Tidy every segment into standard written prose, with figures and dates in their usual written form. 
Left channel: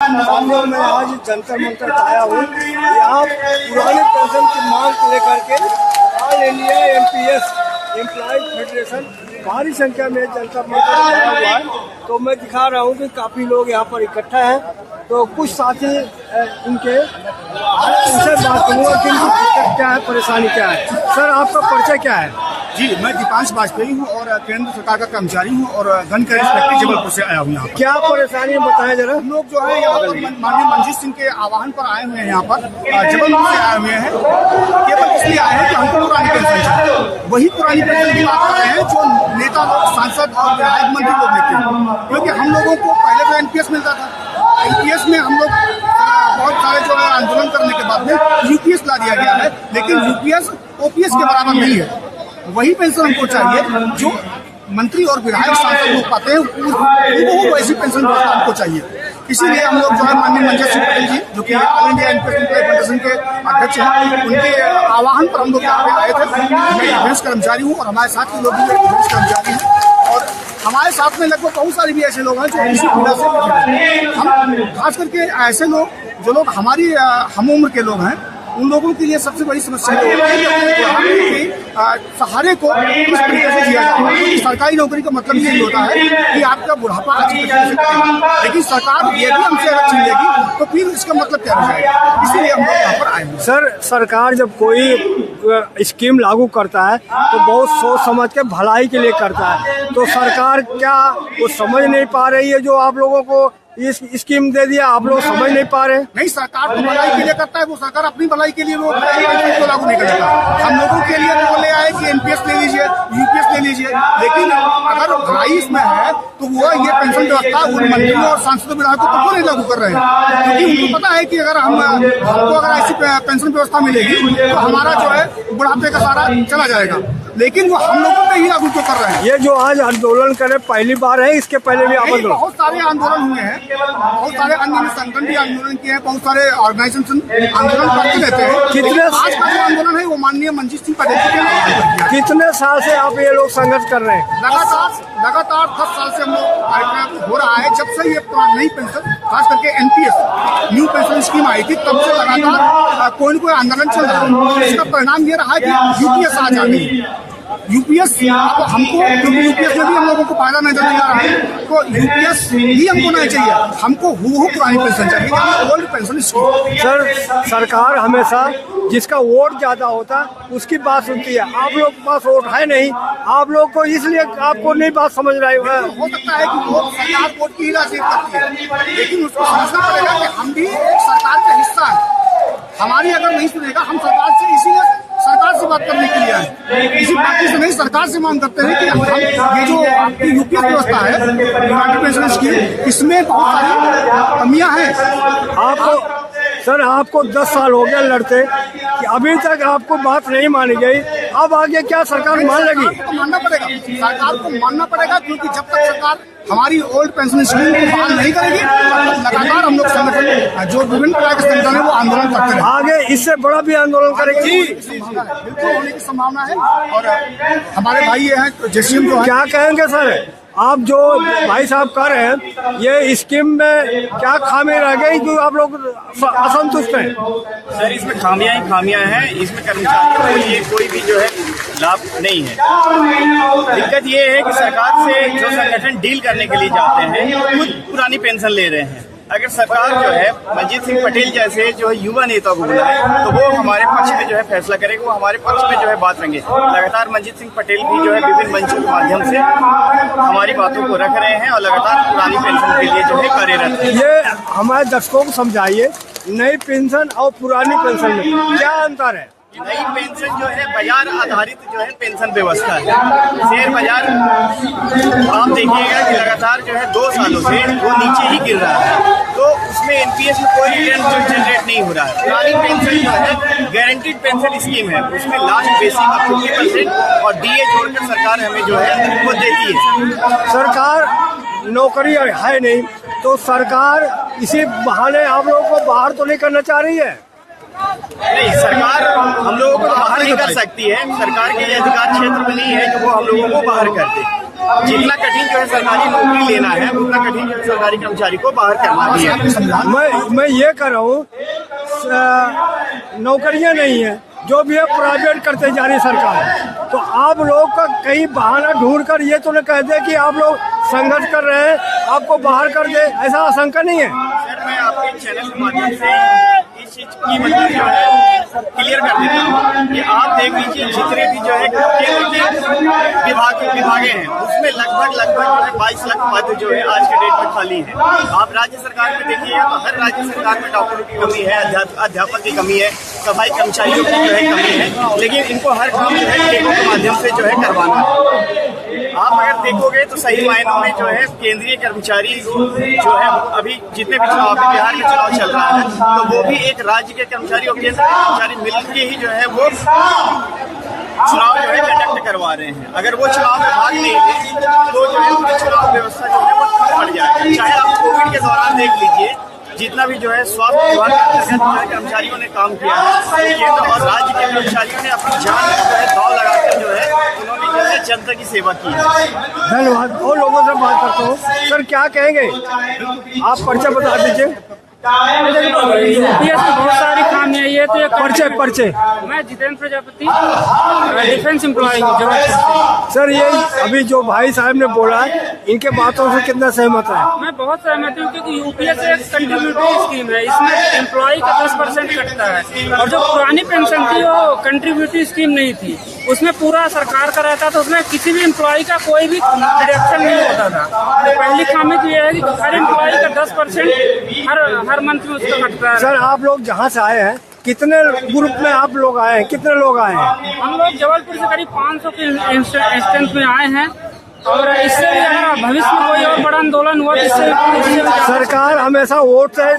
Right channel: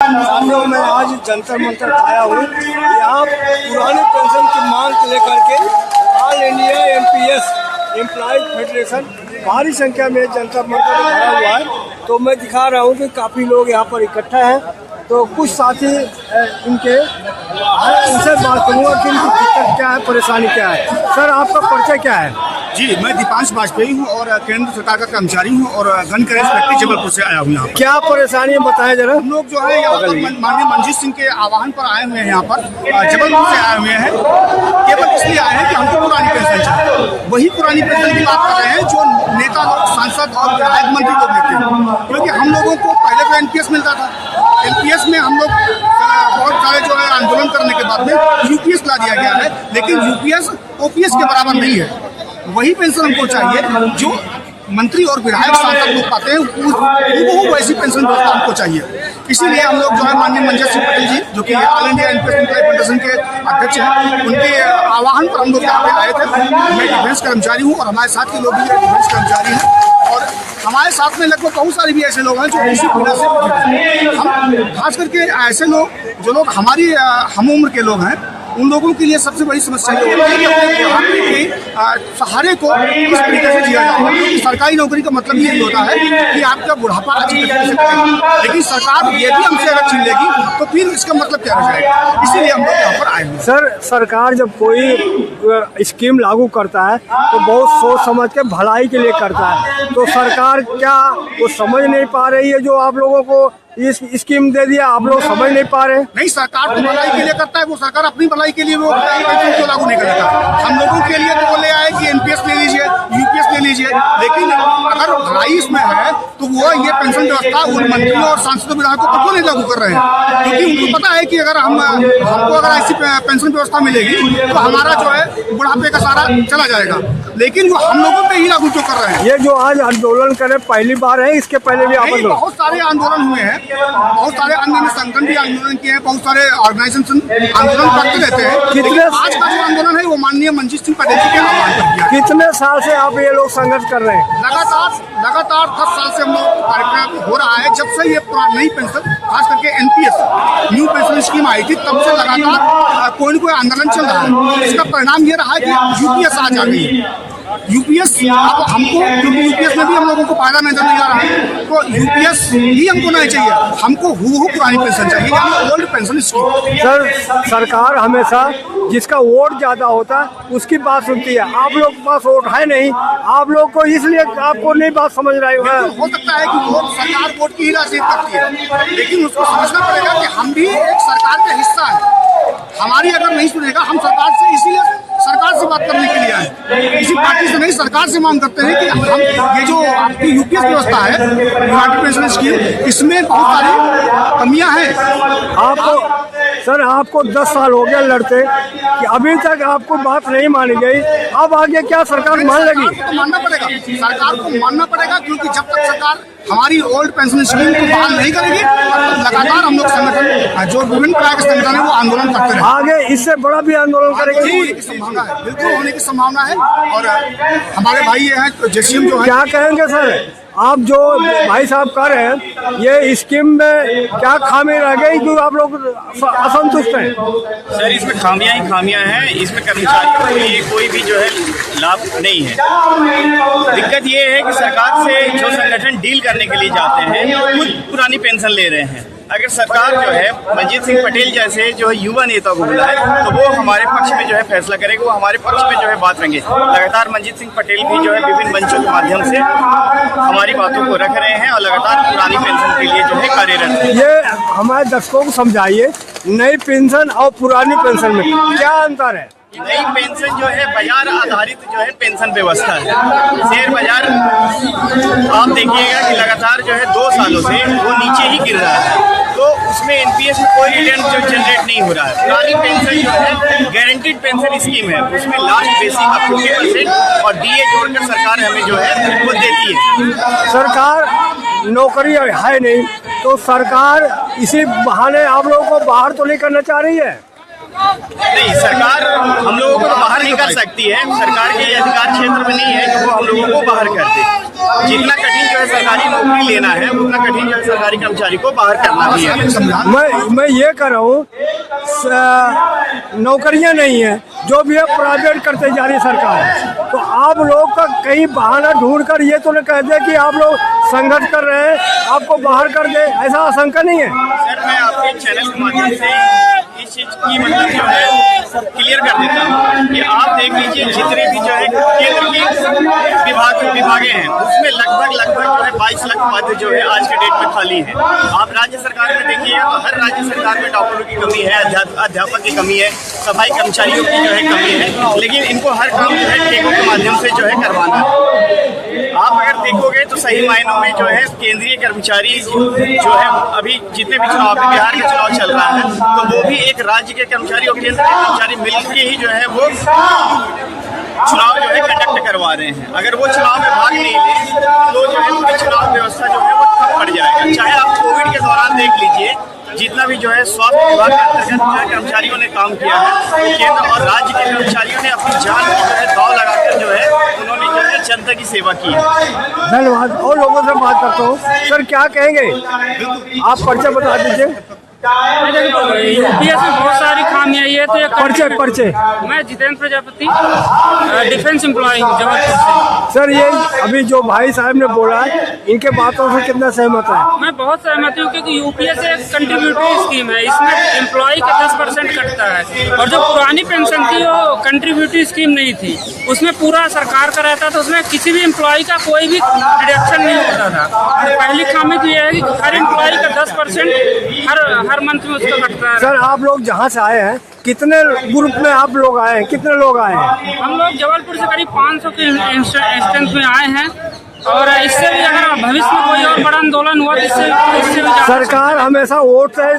साथियों, मैं आज जंतर मंतर आया हूँ। यहाँ पुरानी पेंशन की मांग को लेकर के all India MPS employees federation भारी संख्या में जंतर मंतर आया हुआ है। तो मैं दिखा रहा हूँ कि काफ़ी लोग यहाँ पर इकट्ठा हैं। तो कुछ साथी उनसे बात करूँगा कि इनकी दिक्कत क्या है, परेशानी क्या है। सर, आपका परिचय क्या है? जी, मैं दीपांश वाजपेयी हूँ और केंद्र सरकार का कर्मचारी हूँ और गन करेज फैक्ट्री जबलपुर से आया हूँ यहाँ पर। क्या परेशानी है बताएं जरा। हम लोग जो है यहाँ पर माननीय मंजीत सिंह के आह्वान पर आए हुए हैं, यहाँ पर जबलपुर से आए हुए हैं। केवल इसलिए आए हैं कि हमको पुरानी पेंशन चाहिए। वही पुरानी पेंशन की बात कर रहे हैं जो नेता लोग, सांसद और विधायक मंत्री लोग लेते हैं। क्योंकि हम लोगों को पहले तो एनपीएस मिलता था। एनपीएस में हम लोग बहुत सारे जो है आंदोलन करने के बाद में यूपीएस ला दिया गया है, लेकिन यूपीएस ओपीएस के बराबर नहीं है। वही पेंशन हमको चाहिए जो मंत्री और विधायक सांसद लोग पाते हैं, वो वैसी पेंशन व्यवस्था हमको चाहिए। इसीलिए हम लोग जो है माननीय मंजीत सिंह पटेल जी, जो कि all India NPS employee federation के अध्यक्ष हैं, उनके आह्वान पर हम लोग यहाँ पे आए थे। मैं डिफेंस कर्मचारी हूँ और हमारे साथ के लोग भी डिफेंस कर्मचारी हैं और हमारे साथ में लगभग बहुत सारे भी ऐसे लोग हैं जो इसी पीड़ा से हम खास करके ऐसे लोग जो लोग हमारी हम उम्र के लोग हैं, उन लोगों के लिए सबसे बड़ी समस्या ये होती है कि अपने बुढ़ापे के सहारे को किस तरीके से जिया जाए। क्योंकि सरकारी नौकरी का मतलब यही होता है कि आपका बुढ़ापा अच्छी तरीके से कटेगा, लेकिन सरकार ये भी हमसे अगर छीन लेगी तो फिर इसका मतलब क्या रह जाएगा। इसीलिए हम लोग यहाँ पर आए हैं। सर, सरकार जब कोई स्कीम लागू करता है तो बहुत सोच समझ के भलाई के लिए करता है। तो सरकार क्या वो समझ नहीं पा रही है जो आप लोगों को इस स्कीम दे दिया, आप लोग समझ नहीं पा रहे? नहीं, सरकार तो भलाई के लिए करता है। वो सरकार अपनी भलाई के लिए वो पेंशन क्यों लागू नहीं कर देता? हम लोगों के लिए तो बोले आए कि एनपीएस ले लीजिए, यूपीएस ले लीजिए, लेकिन अगर भलाई इसमें है तो वो ये पेंशन व्यवस्था उन मंत्रियों और सांसदों विधायकों पर क्यों नहीं लागू कर रहे हैं? क्योंकि उनको पता है कि अगर हमको अगर ऐसी पेंशन व्यवस्था मिलेगी तो हमारा जो है बुढ़ापे का सारा चला जाएगा, लेकिन वो हम लोगों पे ही लागू क्यों कर रहे हैं? ये जो आज आंदोलन करे पहली बार है, इसके पहले भी बहुत सारे आंदोलन हुए हैं, बहुत सारे अन्य संगठन भी आंदोलन किए हैं, बहुत सारे ऑर्गेनाइजेशन आंदोलन करते रहते हैं। कितने आज का जो आंदोलन है वो माननीय मंजीत सिंह पटेल जी के आह्वान पर किया। कितने साल से आप ये लोग संघर्ष कर रहे हैं? लगातार 10 साल से हम लोग कार्यक्रम हो रहा है। जब से ये नई पेंशन, खास करके एनपीएस न्यू पेंशन स्कीम आई थी, तब से लगातार कोई न कोई आंदोलन चल रहा है। इसका परिणाम ये रहा है कि यूपीएस आज आ गई। यूपीएस अब हमको, क्योंकि यूपीएस में भी हम लोगों को फायदा नजर नहीं आ रहा है, तो यूपीएस ही हमको नहीं चाहिए। हमको हूबहू पुरानी पेंशन चाहिए, यानी ओल्ड पेंशन स्कीम। सर, सरकार हमेशा जिसका वोट ज्यादा होता है उसकी बात सुनती है। आप लोग के पास वोट है नहीं, आप लोग को इसलिए आपको नहीं बात समझ रही है। हो सकता है कि वोट सरकार वोट की ही राजनीति करती है, लेकिन उसको समझना पड़ेगा कि हम भी एक सरकार का हिस्सा है। हमारी अगर नहीं सुनेगा, हम सरकार से इसीलिए सरकार से बात करने के लिए आए, किसी पार्टी से नहीं, सरकार से मांग करते हैं कि हम ये जो आपकी यूपीएस व्यवस्था है, यूनाइटेड पेंशन स्कीम, इसमें बहुत सारी कमियां हैं। आपको 10 साल हो गए लड़ते कि अभी तक आपको बात नहीं मानी गई। अब आगे क्या सरकार मान लेगी? सरकार को मानना पड़ेगा, सरकार को मानना पड़ेगा, क्योंकि जब तक सरकार हमारी ओल्ड पेंशन स्कीम को बहाल नहीं करेगी तब तक लगातार हम लोग संगठन, जो विभिन्न प्रकार के संगठन है, वो आंदोलन करते रहेंगे। आगे इससे बड़ा भी आंदोलन करेंगे होने की संभावना है, बिल्कुल होने की संभावना है। और हमारे भाई ये हैं जेसीएम जो है, क्या कहेंगे सर? आप जो भाई साहब कर रहे हैं, ये स्कीम में क्या खामी रह गई जो आप लोग असंतुष्ट हैं? सर, इसमें खामियां ही खामियां हैं। इसमें कर्मचारियों को लिए कोई भी जो है लाभ नहीं है। दिक्कत ये है कि सरकार से जो संगठन डील करने के लिए जाते हैं वो खुद पुरानी पेंशन ले रहे हैं। अगर सरकार जो है मंजीत सिंह पटेल जैसे जो है युवा नेता को बुलाए तो वो हमारे पक्ष में जो है फैसला करेगा, वो हमारे पक्ष में जो है बात रखेंगे। लगातार मंजीत सिंह पटेल भी जो है विभिन्न मंचों के माध्यम से हमारी बातों को रख रहे हैं और लगातार पुरानी पेंशन के लिए जो है कार्यरत है। ये हमारे दर्शकों को समझाइए, नई पेंशन और पुरानी पेंशन में क्या अंतर है? नई पेंशन जो है बाजार आधारित जो है पेंशन व्यवस्था है। शेयर बाजार आप देखिएगा कि लगातार जो है 2 सालों से वो नीचे ही गिर रहा है, तो उसमें एनपीएस में कोई रिटर्न जो जनरेट नहीं हो रहा है। पुरानी पेंशन जो है गारंटीड पेंशन स्कीम है, उसमें लास्ट बेसिक का 50% और डीए जोड़कर सरकार हमें जो है वो देती है। सरकार नौकरी है नहीं तो सरकार इसी बहाने आप लोगों को बाहर तो नहीं करना चाह रही है? नहीं, सरकार हम लोगों को तो बाहर नहीं कर सकती है। सरकार के ये अधिकार क्षेत्र में नहीं है कि वो हम लोगों को बाहर कर दे। जितना कठिन जो है सरकारी नौकरी लेना है, उतना कठिन जो है सरकारी कर्मचारी को बाहर करना भी है। मैं ये कर रहा हूँ, नौकरियां नहीं है, जो भी है प्राइवेट करते जा रही है सरकार। तो आप लोग का कहीं बहाना ढूंढ कर ये तो न कह दे कि आप लोग संघर्ष कर रहे हैं, आपको बाहर कर दे, ऐसा आशंका नहीं है। सर, मैं आपके चैनल के माध्यम से इस चीज की मतलब जो है क्लियर कर देता हूँ कि आप देख लीजिए जितने भी जो है केंद्र के विभागे हैं, उसमें लगभग जो है 22 लाख पद जो है आज के डेट में खाली हैं। आप राज्य सरकार में देखिएगा तो हर राज्य सरकार में डॉक्टरों की कमी है, अध्यापक की कमी है, सफाई कर्मचारियों की जो है कमी है, लेकिन इनको हर काम जो है टेकों के माध्यम से जो है करवाना है। आप अगर देखोगे तो सही मायनों में जो है केंद्रीय कर्मचारी जो है अभी जितने भी चुनाव में बिहार का चुनाव चल रहा है, तो वो भी एक राज्य के कर्मचारी और केंद्र के कर्मचारी मिलकर ही जो है वो चुनाव जो है कंडक्ट करवा रहे हैं। अगर वो चुनाव में भाग नहीं ले तो जो है पूरी चुनाव व्यवस्था जो है वो ठप पड़ जाएगा। चाहे आप कोविड के दौरान देख लीजिए, जितना भी जो है स्वास्थ्य विभाग के अंतर्गत जो है कर्मचारियों ने काम किया है, तो केंद्र और राज्य के कर्मचारियों ने अपनी जान की जो है दांव लगाकर जो है उन्होंने जो है जनता की सेवा की है। धन्यवाद। और लोगों से बात करता हूँ, सर क्या कहेंगे, आप परिचय बता दीजिए। यूपीएस में बहुत सारी खामियां है, तो परिचय मैं जितेंद्र प्रजापति, डिफेंस एम्प्लॉय जबलपुर से। सर, ये अभी जो भाई साहब ने बोला, इनके बातों से कितना सहमत है? मैं बहुत सहमत हूँ, क्योंकि यूपीएस एक कंट्रीब्यूटरी स्कीम है, इसमें एम्प्लॉय का 10% कटता है। और जो पुरानी पेंशन थी वो कंट्रीब्यूटरी स्कीम नहीं थी, उसमें पूरा सरकार का रहता था, उसमें किसी भी एम्प्लॉय का कोई भी डिडक्शन नहीं होता था। तो पहली खामी तो यह है कि हर एम्प्लॉय का 10% हर मंथ में उसका कटता है। सर, आप लोग जहाँ से आए हैं, कितने ग्रुप में आप लोग आए हैं, कितने लोग आए हैं? हम लोग जबलपुर से करीब 500 के इंस्टेंस में आए हैं, और इससे भी अगर भविष्य में कोई और बड़ा आंदोलन हुआ तो इससे भी सरकार हमेशा वोट से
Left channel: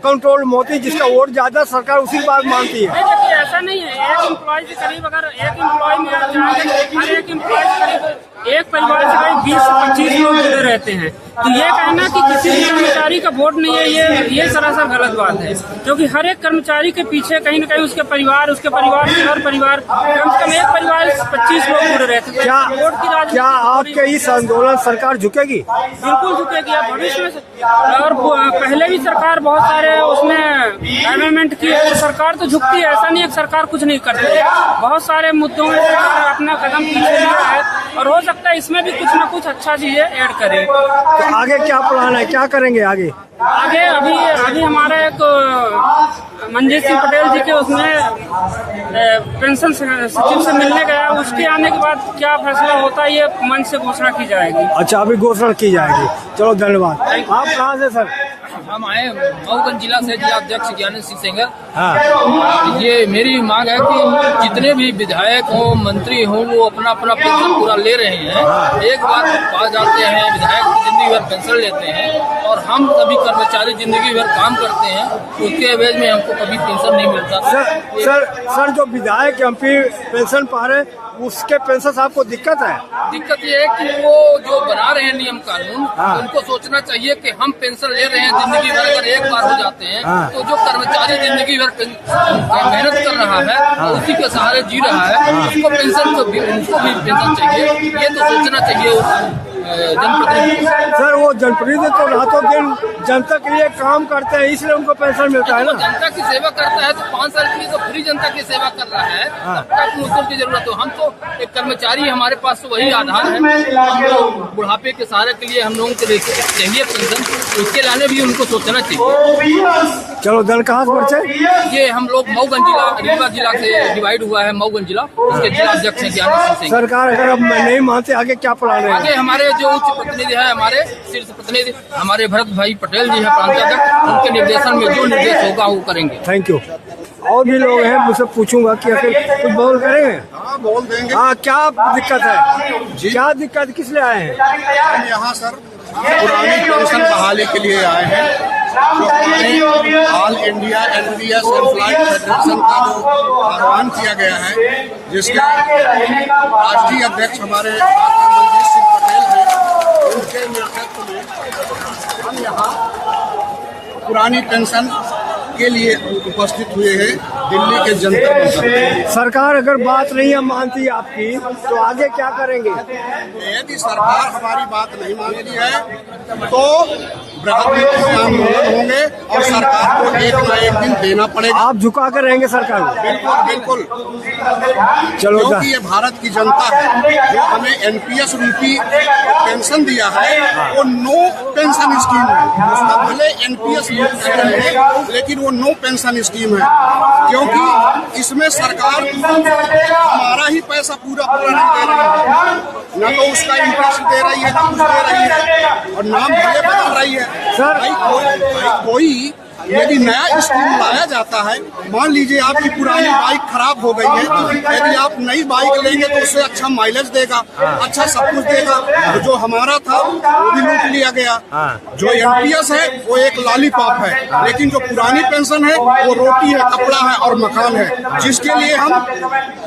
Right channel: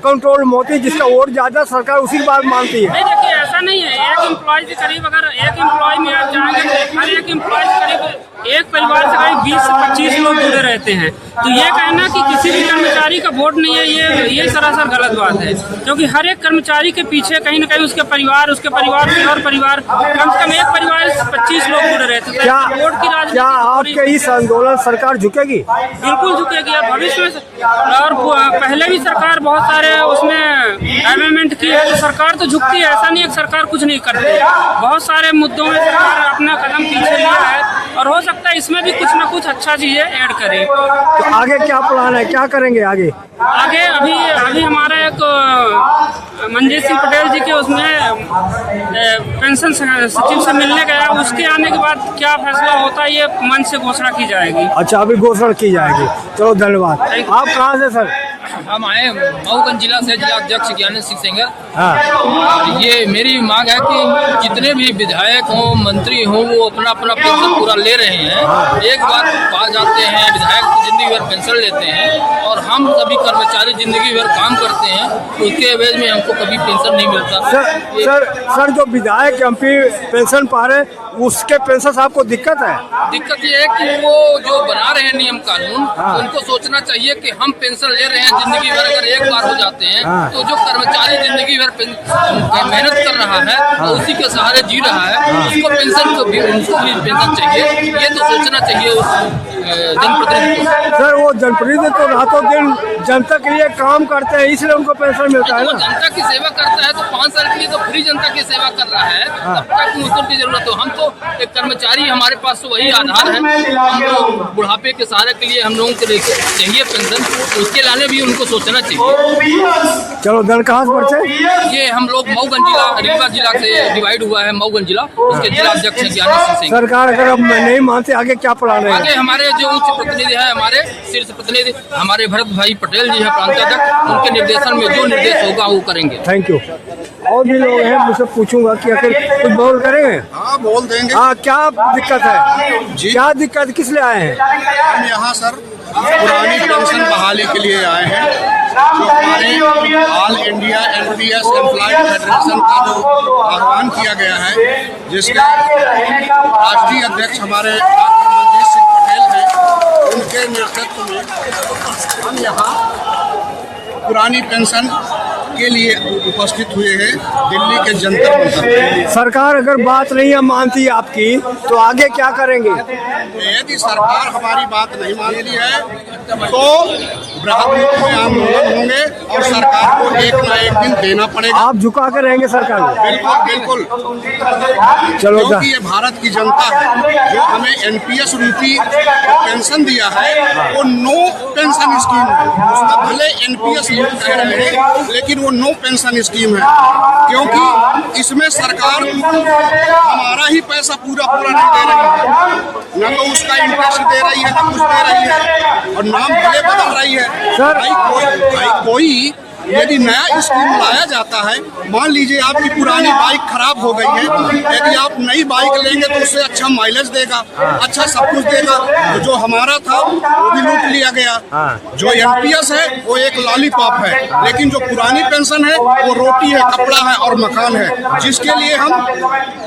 कंट्रोल मोती, जिसका वोट ज्यादा सरकार उसी की बात मानती है। नहीं, देखिए ऐसा नहीं है। एक एम्प्लॉय से करीब, अगर एक एम्प्लॉय में आप जाएंगे तो हर एक एम्प्लॉय से करीब एक परिवार से करीब 20 से 25 लोग जुड़े रहते हैं। तो ये कहना कि किसी भी कर्मचारी का वोट नहीं है, ये सरासर गलत बात है, क्योंकि हर एक कर्मचारी के पीछे कहीं न कहीं उसके परिवार के और परिवार, कम से कम एक परिवार से 25 लोग जुड़े रहते हैं। वोट की राजनीति, क्या आपके इस आंदोलन सरकार झुकेगी? बिल्कुल झुकेगी। अब भविष्य में, और पहले भी सरकार बहुत सारे उसमें अमेंडमेंट की है, तो सरकार तो झुकती है। ऐसा नहीं है कि सरकार कुछ नहीं करती, बहुत सारे मुद्दों में सरकार अपना कदम पीछे लिया है, और हो सकता है इसमें भी कुछ न कुछ अच्छा चीजें ऐड करे। तो आगे क्या प्लान है, क्या करेंगे आगे? अभी हमारा एक मंजीत सिंह पटेल जी के उसमें पेंशन सचिव से मिलने गया, उसके आने के बाद क्या फैसला होता है ये मंच से घोषणा की जाएगी। अच्छा, अभी घोषणा की जाएगी। चलो, धन्यवाद। आप कहाँ से सर? हम आए मऊगंज जिला से, जिला अध्यक्ष ज्ञानेश सिंह सेंगर। हाँ, और ये मेरी मांग है कि जितने भी विधायक हों, मंत्री हों, वो अपना अपना पेंशन पूरा ले रहे हैं। एक बार पास जाते हैं, विधायक जिंदगी भर पेंशन लेते हैं, और हम सभी कर्मचारी जिंदगी भर काम करते हैं, उसके एवज में हमको कभी पेंशन नहीं मिलता। सर जो विधायक एमपी पेंशन पा रहे, उसके पेंशन से आपको दिक्कत है? दिक्कत ये है कि वो जो बना रहे हैं नियम कानून, उनको सोचना चाहिए कि हम पेंशन ले रहे हैं जिंदगी भर, अगर एक बार हो जाते हैं तो जो कर्मचारी जिंदगी भर मेहनत कर रहा है और उसी के सहारे जी रहा है, उसको पेंशन को भी, उनको भी पेंशन चाहिए। ये तो सोचना चाहिए उस जनप्रतिनिधि को। सर, वो जनप्रतिनिधि तो रातों दिन जनता के लिए काम करते हैं, इसलिए उनको पेंशन मिलता है ना। जनता की सेवा करता है तो 5 साल के लिए तो फ्री जनता की सेवा कर रहा है, तब तक मुझको की जरूरत हो। हम तो एक कर्मचारी, हमारे पास तो वही आधार है। हम लोग बुढ़ापे के सहारे के लिए हम लोगों को चाहिए पेंशन, उसके लाने भी उनको सोचना चाहिए। चलो, दल कहाँ से परिचय? ये हम लोग मऊगंज जिला, रीवा जिला से डिवाइड हुआ है मऊगंज जिला, उसके जिला अध्यक्ष है ज्ञानेश सिंह सेंगर। सरकार अगर अब नहीं मानते, आगे क्या प्लान है? आगे हमारे जो उच्च प्रतिनिधि है, हमारे शीर्ष प्रतिनिधि हमारे भरत भाई पटेल जी है, प्रांताध्यक्ष, उनके निर्देशन में जो निर्देश होगा वो करेंगे। Thank you. और भी लोग हैं, मुझसे पूछूंगा कि आखिर कुछ बोल करेंगे। हाँ, बोल देंगे। हाँ, क्या दिक्कत है जी? क्या दिक्कत, किस लिए आए हैं? हम यहाँ सर पुरानी पेंशन बहाली के लिए आए हैं, जो हमारे all India NPS employee federation का जो आह्वान किया गया है, जिसके राष्ट्रीय अध्यक्ष हमारे डॉक्टर मंजीत सिंह पटेल हैं, उनके नेतृत्व में हम यहाँ पुरानी पेंशन के लिए उपस्थित हुए हैं दिल्ली के जंतर मंतर पे। सरकार अगर बात नहीं मानती आपकी तो आगे क्या करेंगे? यदि सरकार हमारी बात नहीं मानती है तो बृहद में आंदोलन होंगे और सरकार को एक ना एक दिन देना पड़ेगा। आप झुका कर रहेंगे सरकार को? बिल्कुल बिल्कुल। चलो क्योंकि ये भारत की जनता है जो हमें एनपीएस रूपी पेंशन दिया है, वो नो पेंशन स्कीम है। उसका भले एनपीएस लोग कह रहे हैं लेकिन वो नो पेंशन स्कीम है, क्योंकि इसमें सरकार हमारा ही पैसा पूरा नहीं दे रही है, न तो उसका इंटरेस्ट दे रही है न कुछ दे रही है, और नाम भले बदल रही है। सर भाई कोई यदि नया स्कीम लाया जाता है, मान लीजिए आपकी पुरानी बाइक खराब हो गई है, यदि आप नई बाइक लेंगे तो उससे अच्छा माइलेज देगा, अच्छा सब कुछ देगा। तो जो हमारा था वो भी लूट लिया गया। जो एनपीएस है वो एक लॉलीपॉप है, लेकिन जो पुरानी पेंशन है वो रोटी है, कपड़ा है और मकान है, जिसके लिए हम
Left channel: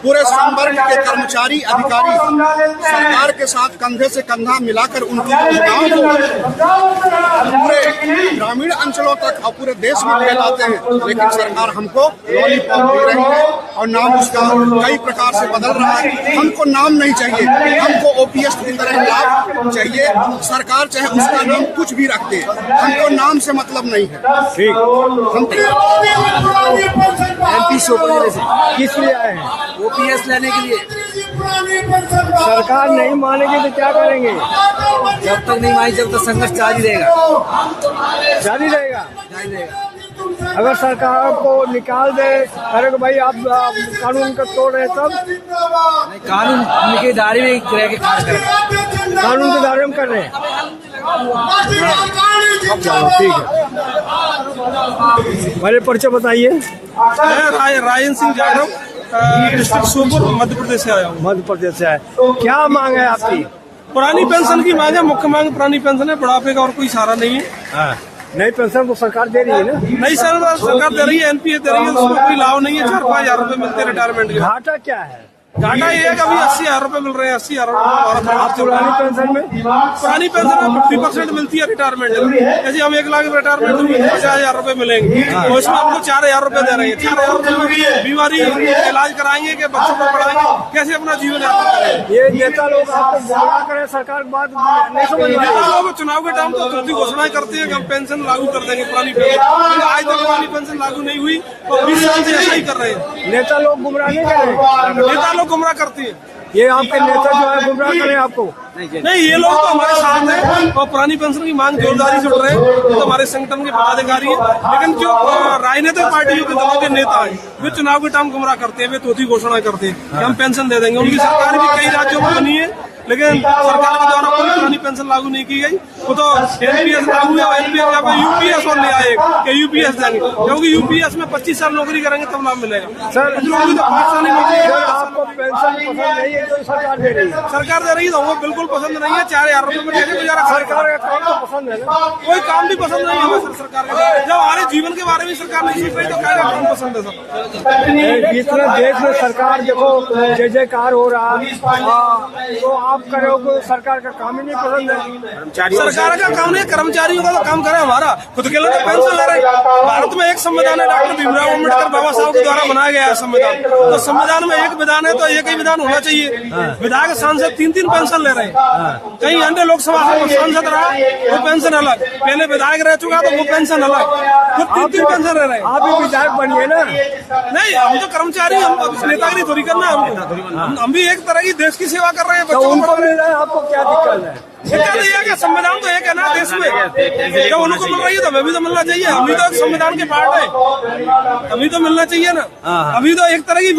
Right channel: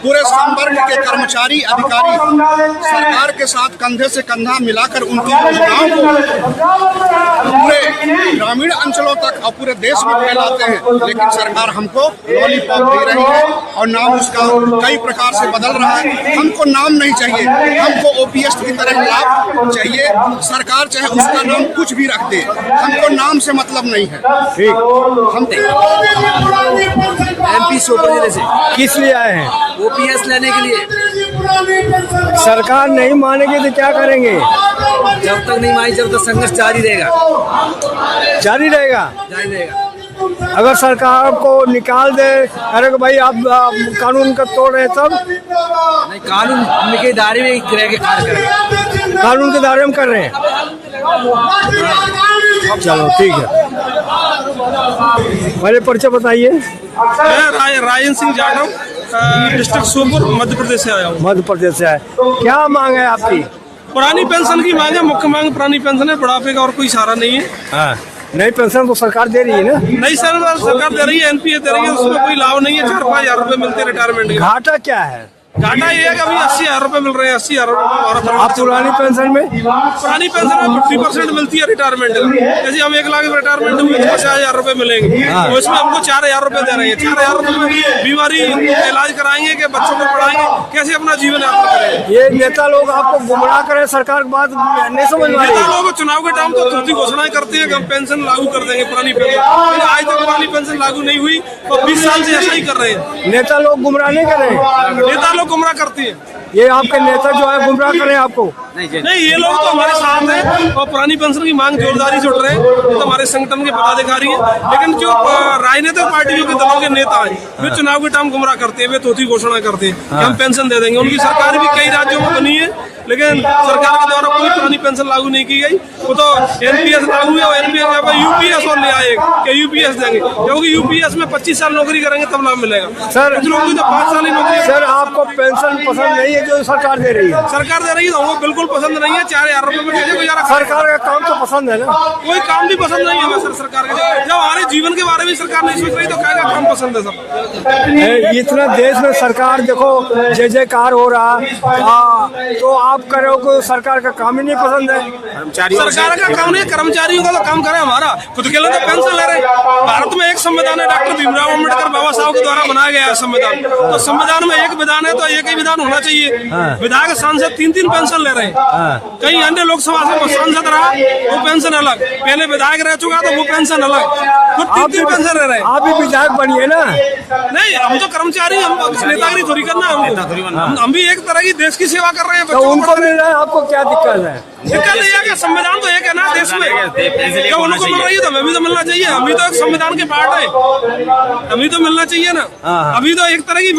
पूरे संवर्ग के कर्मचारी अधिकारी सरकार के साथ कंधे से कंधा मिलाकर उनकी योजनाओं को पूरे ग्रामीण अंचलों तक और पूरे देश में फैलाते हैं। लेकिन सरकार हमको लॉलीपॉप दे रही है और नाम उसका कई प्रकार से बदल रहा है। हमको नाम नहीं चाहिए, हमको ओपीएस की तरह लाभ चाहिए। सरकार चाहे उसका नाम कुछ भी रख दे, हमको नाम से मतलब नहीं है। ठीक। हम एमपी श्योपुर जिले से किस लिए आए हैं? ओपीएस लेने के लिए। सरकार नहीं मानेगी तो क्या करेंगे? जब तक नहीं मानी जब तक संघर्ष जारी रहेगा। जारी रहेगा। जारी रहेगा। अगर सरकार को निकाल दे, अरे भाई आप कानून का तोड़ रहे तब? नहीं, कानून के दायरे में रह के कार्य करेंगे। कानून के दायरे में कर रहे हैं। चलो ठीक है, पहले पर्चा बताइए। मैं रायन सिंह जाटव, डिस्ट्रिक्ट श्योपुर, मध्य प्रदेश से आया हूँ। मध्य प्रदेश से आए, क्या मांग है आपकी? पुरानी पेंशन की मांग है, मुख्य मांग पुरानी पेंशन है, बुढ़ापे का और कोई सहारा नहीं है। नई पेंशन तो सरकार दे रही है ना? नहीं सर, सरकार दे रही है, एनपीएस दे रही है, उसमें कोई लाभ नहीं है। 4-5 हजार रुपए मिलते हैं रिटायरमेंट के। घाटा क्या है? घाटा ये है कि अभी 80,000 रुपए मिल रहे हैं। 80,000 रुपए हमारा आप परिवार चल रहा पुरानी है। पेंशन में? पुरानी पेंशन में 50% मिलती है रिटायरमेंट का। जैसे हम 1 लाख रिटायरमेंट हुए तो 50,000 रुपए मिलेंगे, और इसमें हमको 4,000 रुपए दे रहे हैं। 4,000 रुपए में बीमारी इलाज कराएंगे कि बच्चों को पढ़ाएंगे, कैसे अपना जीवन यापन करेंगे? ये नेता लोग आपको गुमराह करें, सरकार की बात नहीं समझ में नेता आई। लोग चुनाव के टाइम तो तुरंत घोषणाएं करते हैं कि हम पेंशन लागू कर देंगे, पुरानी पेंशन, लेकिन आज तक पुरानी पेंशन लागू नहीं हुई और 20 साल से ऐसा ही कर रहे हैं। नेता लोग गुमराह नहीं कर रहे? नेता लोग गुमराह करते हैं। ये आपके नेता जो है गुमराह करें आपको? नहीं, ये लोग तो हमारे साथ हैं और पुरानी पेंशन की मांग जोरदारी से उठ रहे हैं। ये तो हमारे संगठन के पदाधिकारी हैं, लेकिन जो राजनीतिक पार्टियों के दलों के नेता हैं वे चुनाव के टाइम गुमराह करते हैं, वे तोती घोषणा करते हैं कि हम पेंशन दे देंगे। उनकी सरकार भी कई राज्यों में बनी है, लेकिन सरकार के द्वारा कोई पुरानी पेंशन लागू नहीं की गई। वो तो एनपीएस लागू है और एनपीएस यूपीएस और ले आए कि यूपीएस देंगे, क्योंकि यूपीएस में 25 साल नौकरी करेंगे तब लाभ मिलेगा। सर, कुछ लोगों की तो 5 साल ही नौकरी। सर आपको पेंशन पसंद नहीं है जो सरकार दे रही है? सरकार दे रही है तो हमको बिल्कुल पसंद नहीं है। 4,000 रुपए में कैसे गुजारा? सरकार का काम तो पसंद है ना? कोई काम भी पसंद नहीं है हमें सर सरकार के। जब हमारे जीवन के बारे में सरकार नहीं सोच रही तो क्या काम पसंद है सर? इतना देश में सरकार देखो जय जयकार हो रहा, तो आप करोगे सरकार का काम ही नहीं पसंद है? सरकार का काम नहीं, कर्मचारियों का तो काम करे। हमारा खुद के लिए तो पेंशन ले रहे हैं। भारत में एक संविधान है, डॉक्टर भीमराव अम्बेडकर बाबा साहब के द्वारा बनाया गया है संविधान। तो संविधान में एक विधान है तो एक ही विधान होना चाहिए। विधायक सांसद 3-3 पेंशन ले रहे हैं। कहीं अन्य लोकसभा से सांसद रहा वो पेंशन अलग, पहले विधायक रह चुका तो वो पेंशन अलग, खुद 3-3 पेंशन ले रहे हैं। आप भी विधायक बनिए ना? नहीं, हम तो कर्मचारी, हम नेतागिरी थोड़ी करना है हमको। हम भी एक तरह की देश की सेवा कर रहे हैं। तो उनको मिल रहा है, आपको क्या दिक्कत है? दिक्कत ये है कि संविधान तो एक है ना देश में, जब उनको मिल रही है तो हमें भी तो मिलना चाहिए। हम भी तो एक संविधान के पार्ट है, हमें तो मिलना चाहिए ना। अभी तो एक तरह की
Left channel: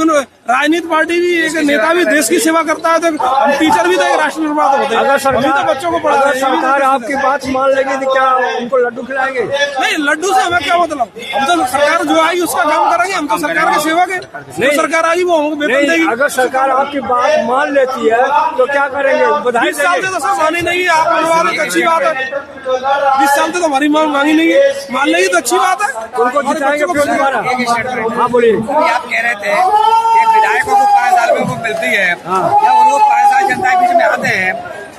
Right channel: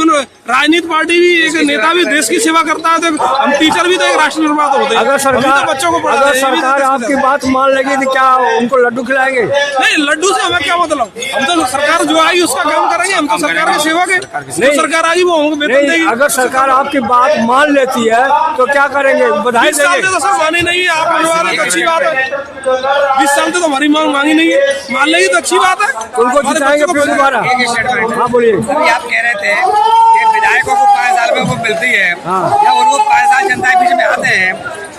राजनीतिक पार्टी भी, एक नेता भी देश की सेवा करता है, तो हम टीचर भी तो एक राष्ट्र निर्माता होते हैं। अगर हम भी तो बच्चों को पढ़ा रहे हैं। सरकार आपकी बात मान लेगी तो क्या उनको लड्डू खिलाएंगे? नहीं, लड्डू से हमें क्या मतलब? हम तो सरकार जो आएगी उसका काम करेंगे। हम तो सरकार के सेवक है, जो सरकार आएगी वो हमको वेतन देगी। अगर सरकार आपकी बात मान लेती है तो क्या करेंगे? बधाई 20 साल देंगे? से तो सब मानी नहीं है, आप मनवा दे तो अच्छी बात है। 20 साल से तो हमारी मांग मांगी नहीं है, मान लेगी तो अच्छी बात है। उनको जिताएंगे फिर दोबारा? हाँ बोलिए। अभी आप कह रहे थे कि विधायकों को 5 साल में वो मिलती है या उनको 5 साल जनता के बीच में आते हैं,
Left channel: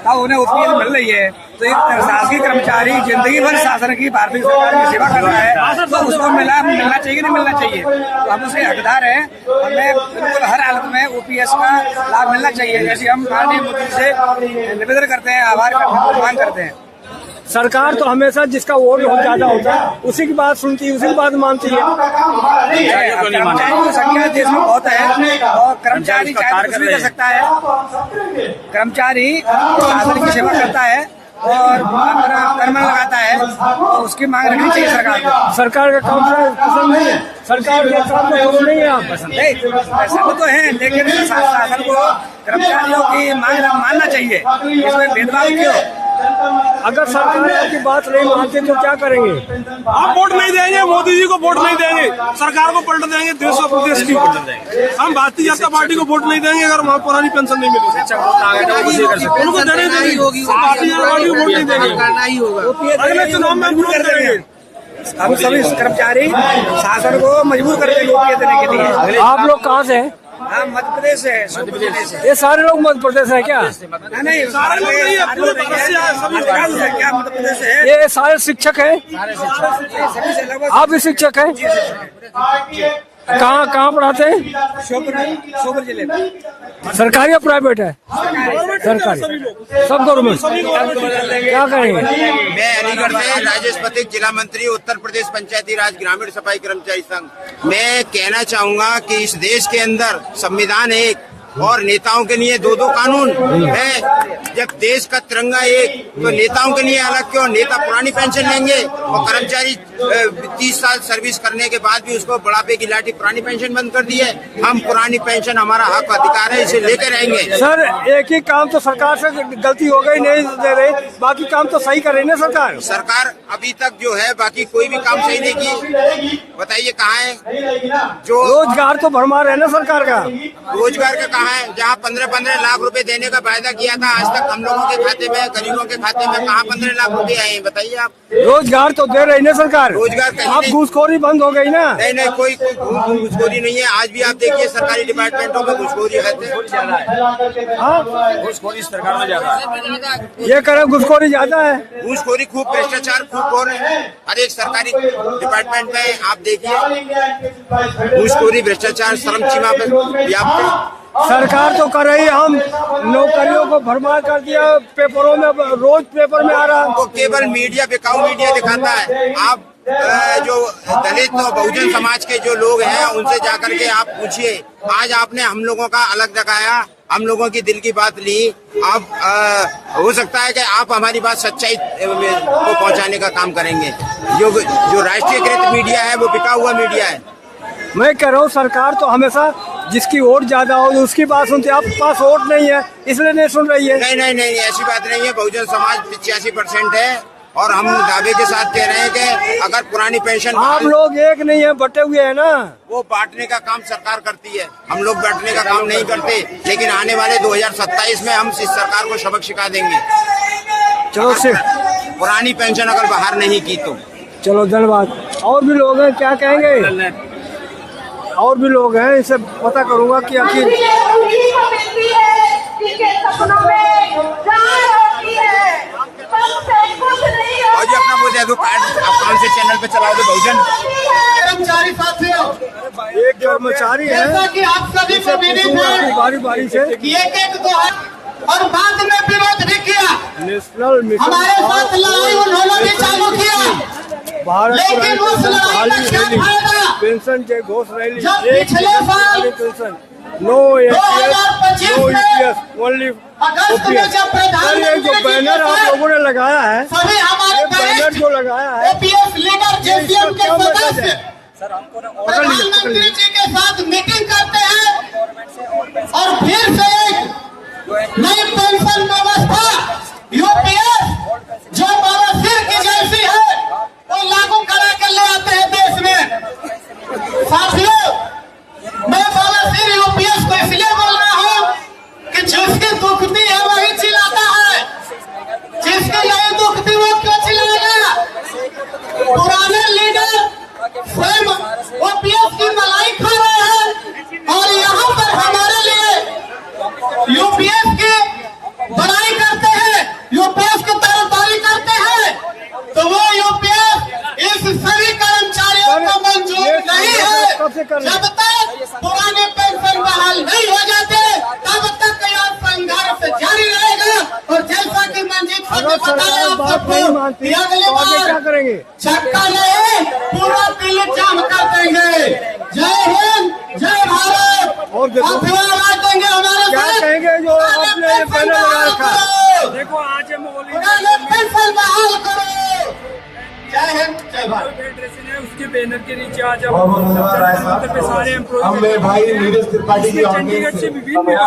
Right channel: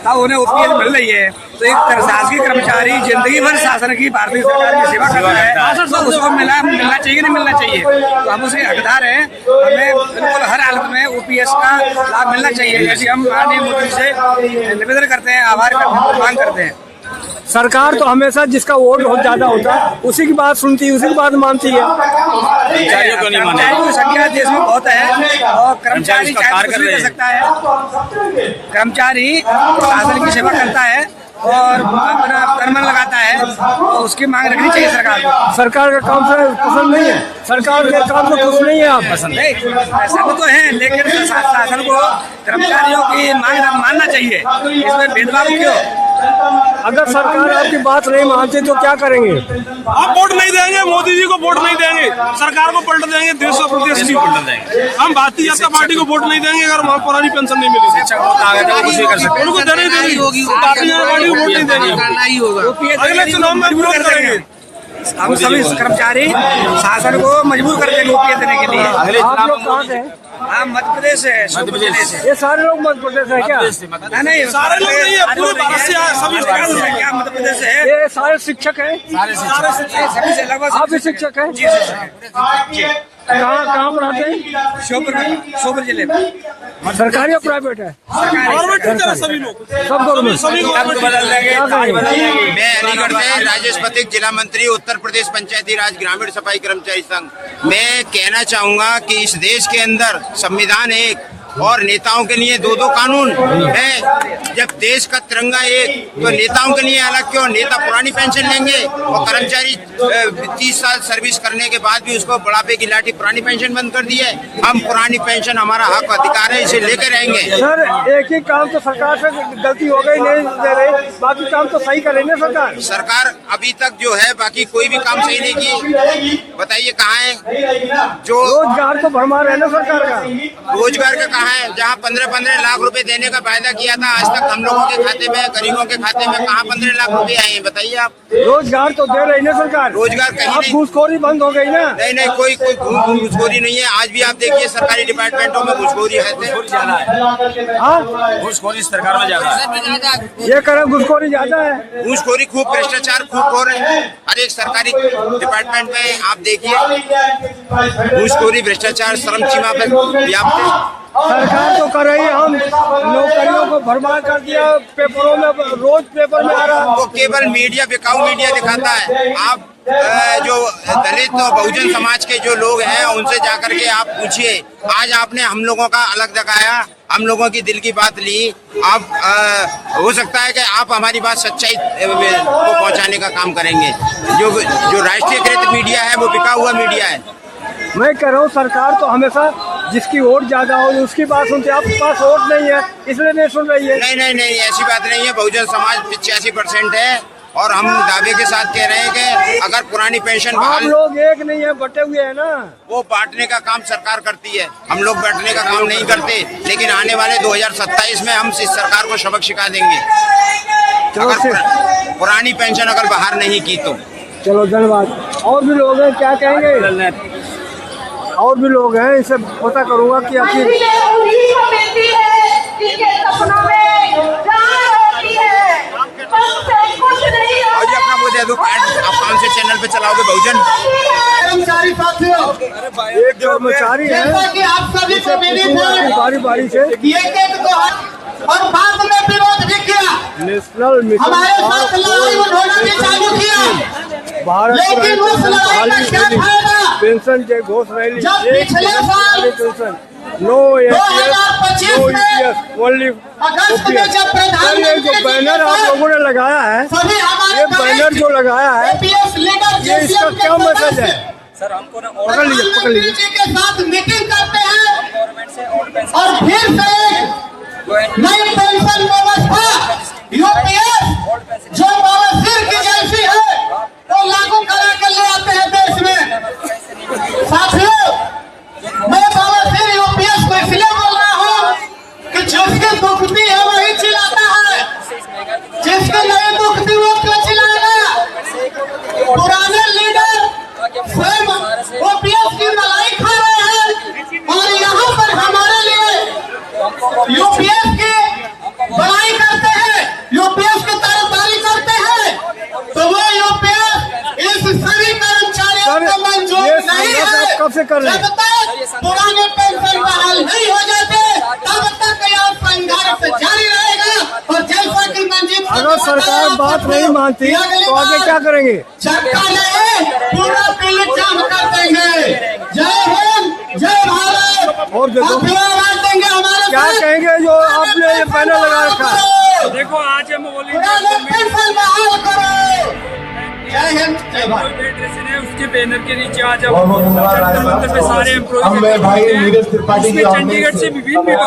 तब उन्हें ओपीएस मिल रही है। तो एक शासकीय कर्मचारी जिंदगी भर शासन की भारतीय सरकार की सेवा कर रहा है, तो उसको मिलना चाहिए नहीं मिलना चाहिए। तो हम उसके हकदार हैं, हमें बिल्कुल हर हालत में ओपीएस का लाभ मिलना चाहिए। ऐसे हम माननीय मोदी से निवेदन करते हैं, आभार करते हैं, मांग करते हैं। सरकार तो हमेशा जिसका वोट बहुत ज्यादा होता है उसी की बात सुनती है, उसी की बात मानती है। कर्मचारियों की संख्या देश में बहुत है और कर्मचारी चाहे कुछ भी कर सकता है। कर्मचारी शासन की सेवा करता है और अपना कर्म लगाता है, और उसकी मांग रखनी चाहिए सरकार को। सरकार का काम पसंद नहीं है, सरकार के काम तो खुश नहीं है आप पसंद है, पसंद तो है, लेकिन शासन को कर्मचारियों की मांग मानना चाहिए। इसमें भेदभाव क्यों? अगर सरकार आपकी बात नहीं मानती तो क्या करेंगे? आप वोट नहीं देंगे, मोदी जी को वोट नहीं देंगे, सरकार को पलट देंगे, देश और प्रदेश की पलट देंगे। हम भारतीय जनता पार्टी को वोट नहीं देंगे अगर वहाँ पुरानी पेंशन नहीं मिली। उनको देने देंगे, भारतीय जनता पार्टी को वोट नहीं देंगे, करना ही होगा। अगले चुनाव में मजबूर कर देंगे हम सभी कर्मचारी, शासन को मजबूर कर देंगे ओपीएस देने के लिए। आप लोग कहाँ से हैं? हाँ, मध्य प्रदेश है, शिवपुरी जिले से। ये सारे लोग मध्य प्रदेश है क्या? नहीं, सारे लोग नहीं है, अधिकांश संख्या मध्य प्रदेश से है। ये सारे शिक्षक हैं? सभी से लगभग। आप भी शिक्षक हैं? जी शिक्षक है। कहाँ पढ़ाते हैं? श्योपुर जिले में। सरकारी या प्राइवेट है? सरकारी, सब गवर्नमेंट। क्या करेंगे? मैं अलीगढ़ से राजेश पथिक, जिला मंत्री उत्तर प्रदेश पंचायती राज ग्रामीण सफाई कर्मचारी संघ। मैं कहना चाहूंगा कि इस देश के अंदर संविधान एक और नेताओं के लिए दो दो कानून है। जब देश का तिरंगा एक, तो नेताओं के लिए अलग क्यों? नेता पुरानी पेंशन लेंगे और कर्मचारी 30 साल सर्विस करने के बाद भी उसको बुढ़ापे की लाठी पुरानी पेंशन बंद कर दी है। हम पुरानी पेंशन हमारा हक अधिकार है, इसे लेकर रहेंगे। सर, एक ही काम तो सरकार से गलती हो गई, नहीं दे रही, बाकी काम तो सही करे ना सरकार। सरकार अभी तक जो है बाकी कोई भी काम सही नहीं की। बताइए कहाँ है जो रोजगार तो भरमार है ना सरकार का? रोजगार का कहाँ है? जहाँ 15-15 लाख रुपए देने का वायदा किया था, आज तक हम लोगों के खाते में, गरीबों के खाते में कहाँ 15 लाख रुपए आए हैं? बताइए आप। रोजगार तो दे रही ना सरकार। रोजगार कहीं आप नहीं। घूसखोरी बंद हो गई ना? नहीं, कोई घूसखोरी नहीं है। आज भी आप देखिए सरकारी डिपार्टमेंटों में घूसखोरी है। घूसखोरी सरकार में ज्यादा है। ये करो, घूसखोरी ज्यादा है। घूसखोरी खूब, भ्रष्टाचार खूब हो रहे हैं हर एक सरकारी डिपार्टमेंट में। आप देखिए घूसखोरी, भ्रष्टाचार चरम सीमा पर व्याप्त है। सरकार तो कर रही है, हम नौकरियों को भरमार कर दिया, पेपरों में रोज पेपर में आ रहा है। वो केवल मीडिया, बिकाऊ मीडिया दिखाता है। आप जो दलित और बहुजन समाज के जो लोग हैं उनसे जाकर के आप पूछिए। आज आपने हम लोगों का अलग दिखाया, हम लोगों की दिल की बात ली। आप हो सकता है कि आप हमारी बात सच्चाई को पहुंचाने का काम करेंगे। जो राष्ट्रीयकृत मीडिया है वो बिका हुआ मीडिया है। मैं कह रहा हूँ सरकार तो हमेशा जिसकी वोट ज्यादा हो उसकी बात सुनती है। आपके पास वोट नहीं है इसलिए नहीं सुन रही है। नहीं, ऐसी बात नहीं है। बहुजन समाज 85% है और हम दावे के साथ कह रहे हैं कि अगर पुरानी पेंशन आप लोग एक नहीं है, बटे हुए है ना। वो बांटने का काम सरकार करती है, हम लोग बांटने का काम नहीं करते। लेकिन आने वाले 2027 में हम इस सरकार को सबक सिखा देंगे। पुरानी पेंशन अगर बाहर नहीं की तो। चलो धन्यवाद। और भी लोग हैं, क्या कहेंगे? और भी लोग हैं, इसे पता करूंगा कि आखिर अपना वो दे दो कार्ड, आप कौन से चैनल पे चलाओगे? बहुजन। एक कर्मचारी है, इसे पूछूंगा कि बारी बारी से और बाद में विरोध भी किया। नेशनल मिशन भारत पुरानी पेंशन बहाली रैली, पेंशन के घोष रैली, एक pension, no NPS, no UPS, only OPS. Sir, ये जो बैनर आप लोगों ने लगाया है, ये बैनर जो लगाया है, ये इसका क्या मतलब है? सर, हमको ना पकड़ लीजिए। के साथ मीटिंग करते हैं और फिर से नई पेंशन व्यवस्था यूपीएस जो बालासिर की जैसी है वो लागू करा के ले आते हैं देश में। साथियों, मैं बालासिर यूपीएस को इसलिए बोल रहा हूँ कि जिसकी दुखती है वही चिल्लाता है, जिसकी नहीं दुखती वो क्यों चिल्लाएगा? पुराने लीडर स्वयं ओपीएस की मलाई खा रहे हैं और यहाँ पर हमारे लिए यूपीएस की बड़ाई करते हैं। आपको मंजूर ये नहीं है, संघर्ष कब से कर रहे हैं? जब तक पुराने पेंशन बहाल नहीं हो जाते तब तक यह संघर्ष जारी रहेगा। और जैसा कि मंजीत सिंह अगर ने सरकार बताया बात नहीं मानती कि अगली तो आगे बार क्या करेंगे? झटका नहीं, पूरा दिल जाम कर देंगे। जय हिंद, जय भारत। और देखो आप भी आवाज देंगे हमारे क्या साथ। कहेंगे जो आपने ये बैनर लगा रखा है? देखो आज हम ऑल पुराने पेंशन बहाल करो। जय हिंद, जय भारत। फेडरेशन है उसके बैनर के नीचे आज हम जंतर मंतर पे सारे एम्प्लॉय भाई नीरज त्रिपाठी जी चंडीगढ़ से विभिन्न